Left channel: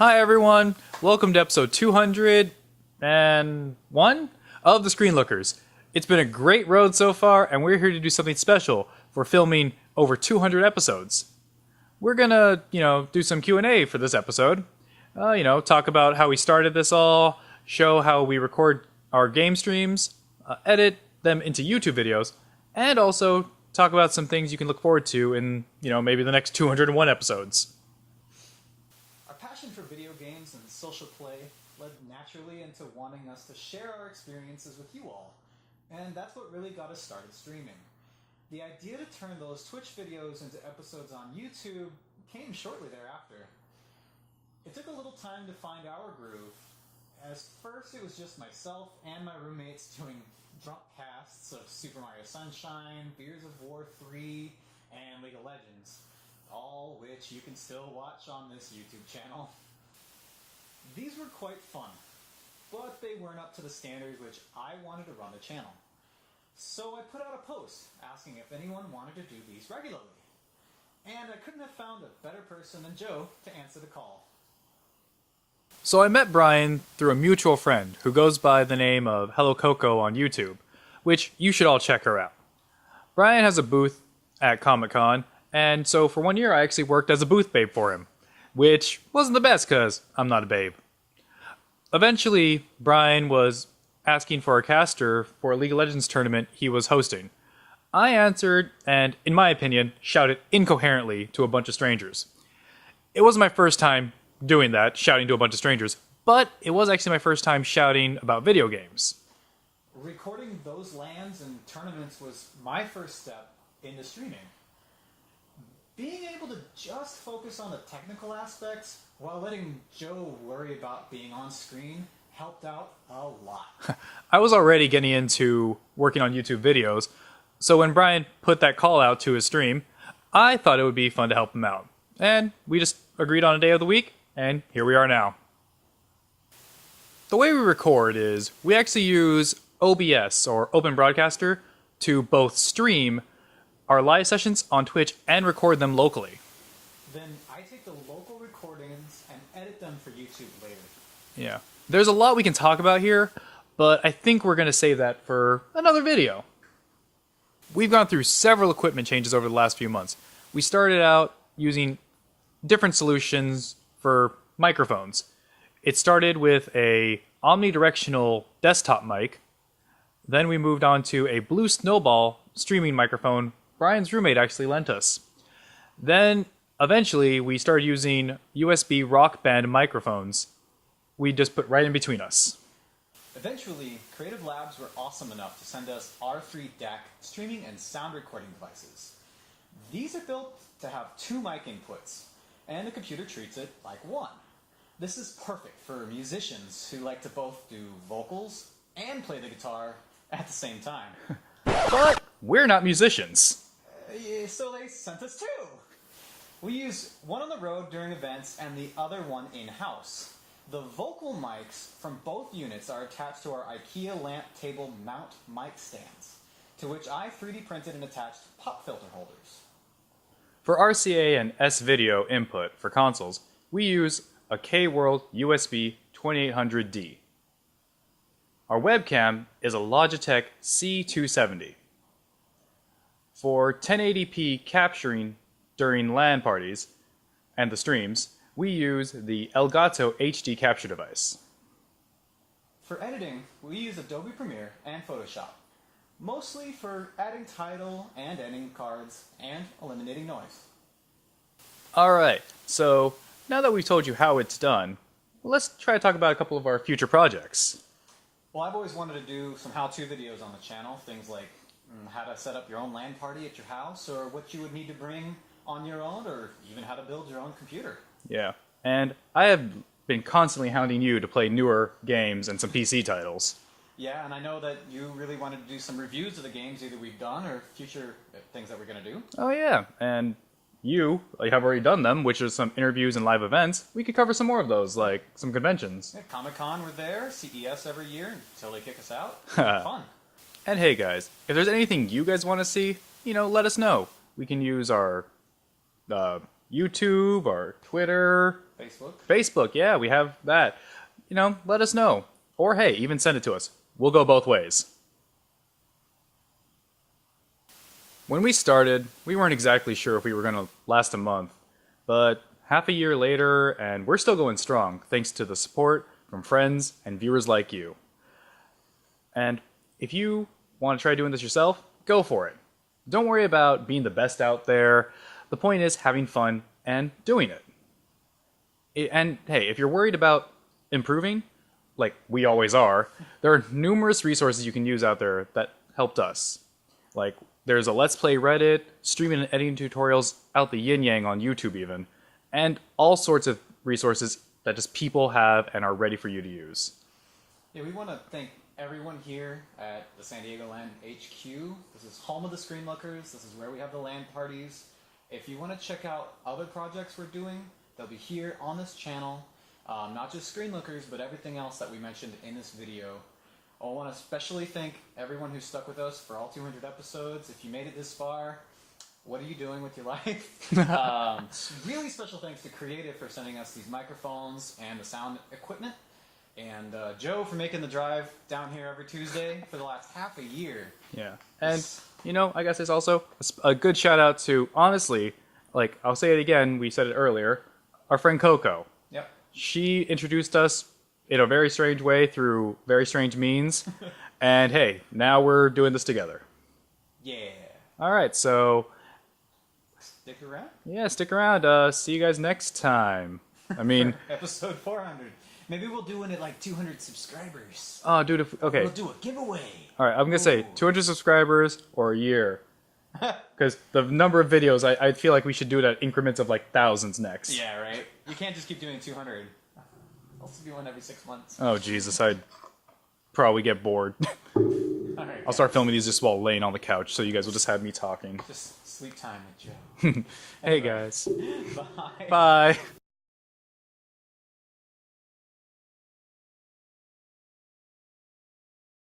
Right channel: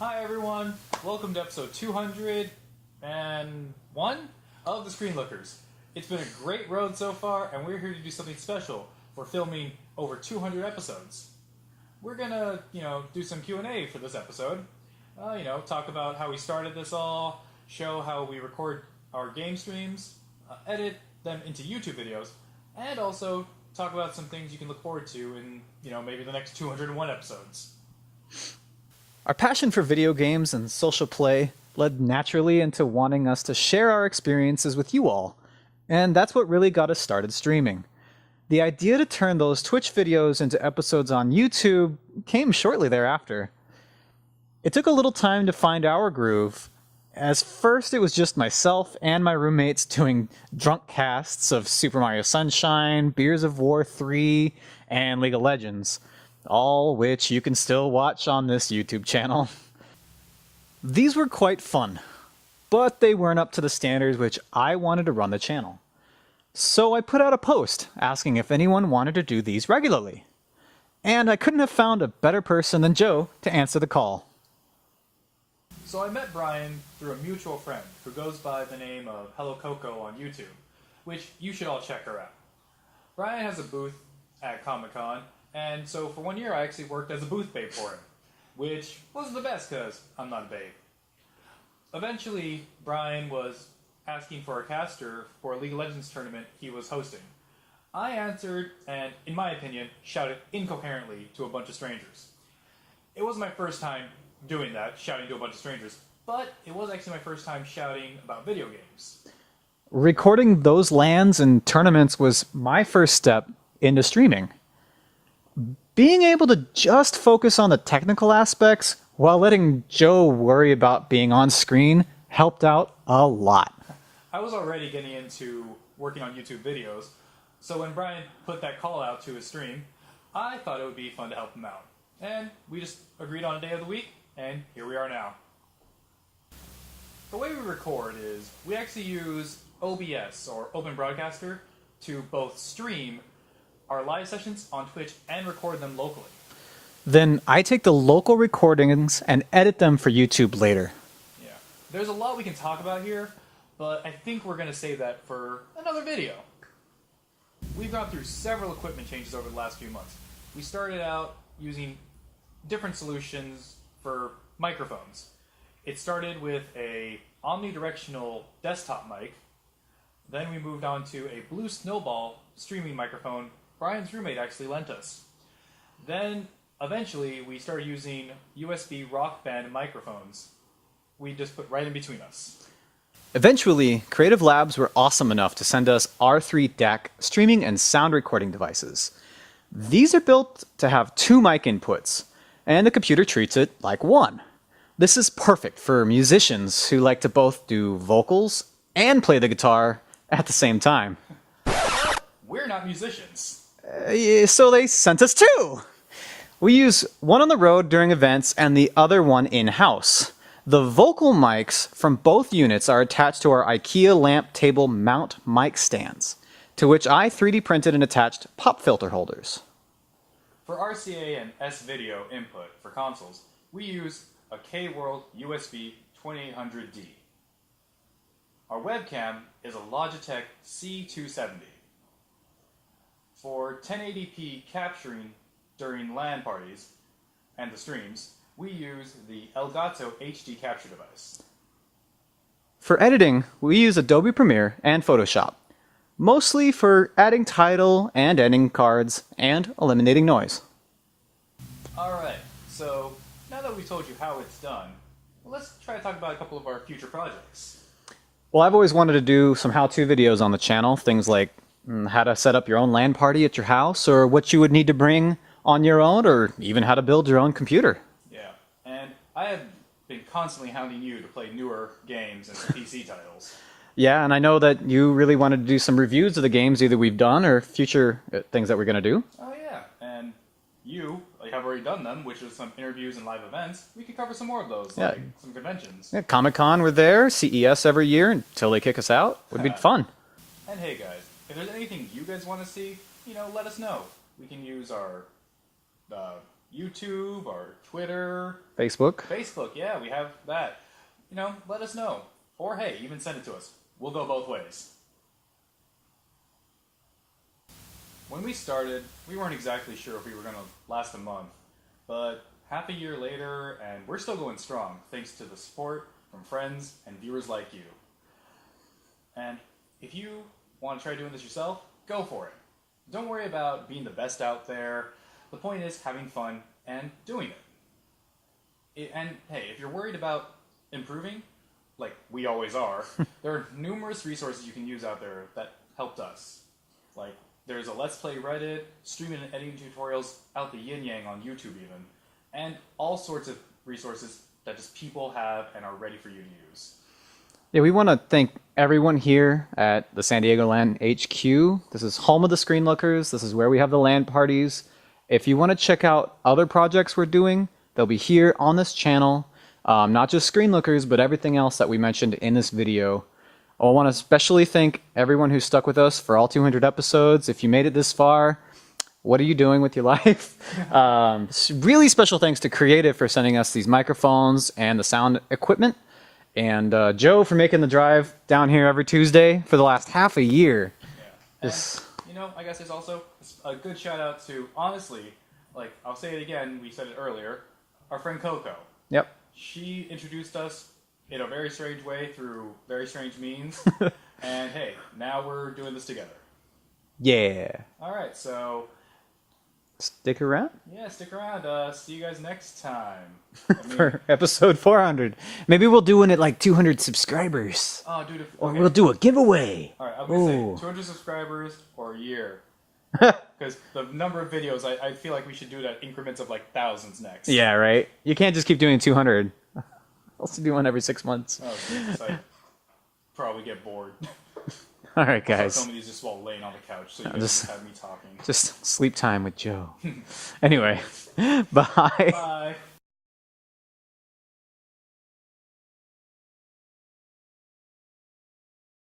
Hi everyone, welcome to episode 201 of The Screen Lookers. It's been a great road so far, and we're here to do something special for filming over 200 episodes. We're gonna, do some Q&A for this episode. Talk about how we started this all, show how we record our game streams, edit them into YouTube videos, and also talk about some things you can look forward to in, maybe the next 201 episodes. Our passion for video games and social play led naturally into wanting us to share our experiences with you all, and that's what really got us started streaming. The idea to turn those Twitch videos into episodes on YouTube came shortly thereafter. It took a little time to find our groove, as first it was just myself and my roommates doing drunk casts of Super Mario Sunshine, Gears of War 3, and League of Legends, all which you can still watch on this YouTube channel. These were quite fun, but they weren't up to the standards which I wanted to run the channel. So I put out a post asking if anyone wanted to do these regularly. And I couldn't have found a better person than Joe to answer the call. So I met Brian through a mutual friend who goes by the name of Hello Coco on YouTube, which you should all check her out. Brian has a booth at Comic-Con, and so for 1 year I actually worked as a booth babe for him, which wasn't the best because I'm not a babe. Eventually, Brian was asking for a caster for a League of Legends tournament he was hosting. I answered and, in my opinion, shouted incoherently to a bunch of strangers. It wasn't my first time doing that, shouting to a bunch of strangers, but it was actually my first time shouting about video games. Recording those LANs and tournaments was my first step into streaming. Being able to just focus on the technical aspects while letting Joe worry about being on screen helped out a lot. I was already getting into working on YouTube videos, so when Brian put that call out to his stream, I thought it would be fun to help him out. And we just agreed on a day of the week, and here we are now. The way we record is we actually use OBS, or Open Broadcaster, to both stream our live sessions on Twitch and record them locally. Then I take the local recordings and edit them for YouTube later. Yeah. There's a lot we can talk about here, but I think we're going to save that for another video. We've gone through several equipment changes over the last few months. We started out using different solutions for microphones. It started with a omnidirectional desktop mic. Then we moved on to a Blue Snowball streaming microphone Brian's roommate actually lent us. Then, eventually, we started using USB Rock Band microphones. We just put right in between us. Eventually, Creative Labs were awesome enough to send us R3 DAC streaming and sound recording devices. These are built to have 2 mic inputs, and the computer treats it like 1. This is perfect for musicians who like to both do vocals and play the guitar at the same time. But we're not musicians. So they sent us 2! We use one on the road during events and the other one in-house. The vocal mics from both units are attached to our IKEA lamp table mount mic stands, to which I 3D printed and attached pop filter holders. For RCA and S-Video input for consoles, we use a K-World USB 2800D. Our webcam is a Logitech C270. For 1080p capturing during LAN parties and the streams, we use the Elgato HD capture device. For editing, we use Adobe Premiere and Photoshop, mostly for adding title and ending cards and eliminating noise. Alright, so now that we've told you how it's done, let's try to talk about a couple of our future projects. Well, I've always wanted to do some how-to videos on the channel, things like how to set up your own LAN party at your house, or what you would need to bring on your own, or even how to build your own computer. Yeah, and I have been constantly hounding you to play newer games and some PC titles. Yeah, and I know that you really wanted to do some reviews of the games either we've done or future things that we're going to do. Oh yeah, and you have already done them, which is some interviews and live events. We could cover some more of those, like some conventions. Yeah, Comic-Con, we're there, CES every year until they kick us out. It would be fun. And hey guys, if there's anything you guys want to see, let us know. We can use our YouTube, our Twitter, Facebook. Facebook. Yeah, we have that. Let us know. Or hey, even send it to us. We'll go both ways. When we started, we weren't exactly sure if we were going to last a month, but half a year later, and we're still going strong thanks to the support from friends and viewers like you. And if you want to try doing this yourself, go for it. Don't worry about being the best out there. The point is having fun and doing it. And hey, if you're worried about improving, like we always are, there are numerous resources you can use out there that helped us. Like, there's a Let's Play Reddit, streaming and editing tutorials out the yin yang on YouTube even, and all sorts of resources that just people have and are ready for you to use. Yeah, we want to thank everyone here at the San Diego LAN HQ. This is home of the Screen Lookers. This is where we have the LAN parties. If you want to check out other projects we're doing, they'll be here on this channel. Not just Screen Lookers, but everything else that we mentioned in this video. I want to especially thank everyone who stuck with us for all 200 episodes. If you made it this far, what are you doing with your life? Really special thanks to Creative for sending us these microphones and the sound equipment. And Joe for making the drive down here every Tuesday for the last half a year. Yeah. And, I guess it's also a good shout out to, honestly, like, I'll say it again, we said it earlier, our friend Coco. Yep. She introduced us in a very strange way through very strange means. And hey, now we're doing this together. Yeah. All right, so Stick around. yeah, stick around. See you guys next time. I mean, For episode 400. Maybe we'll do one at like 200 subscribers. oh, dude, okay. We'll do a giveaway. All right, I'm gonna say Ooh. 200 subscribers or a year, because the number of videos, I feel like we should do it at increments of like thousands next. Yeah, right? You can't just keep doing 200. Also do one every 6 months. Oh Jesus, I probably get bored. All right, I'll guys. start filming these just while laying on the couch, so you guys will just have me talking. Just sleep time with Joe. Anyway, Guys. bye. Bye.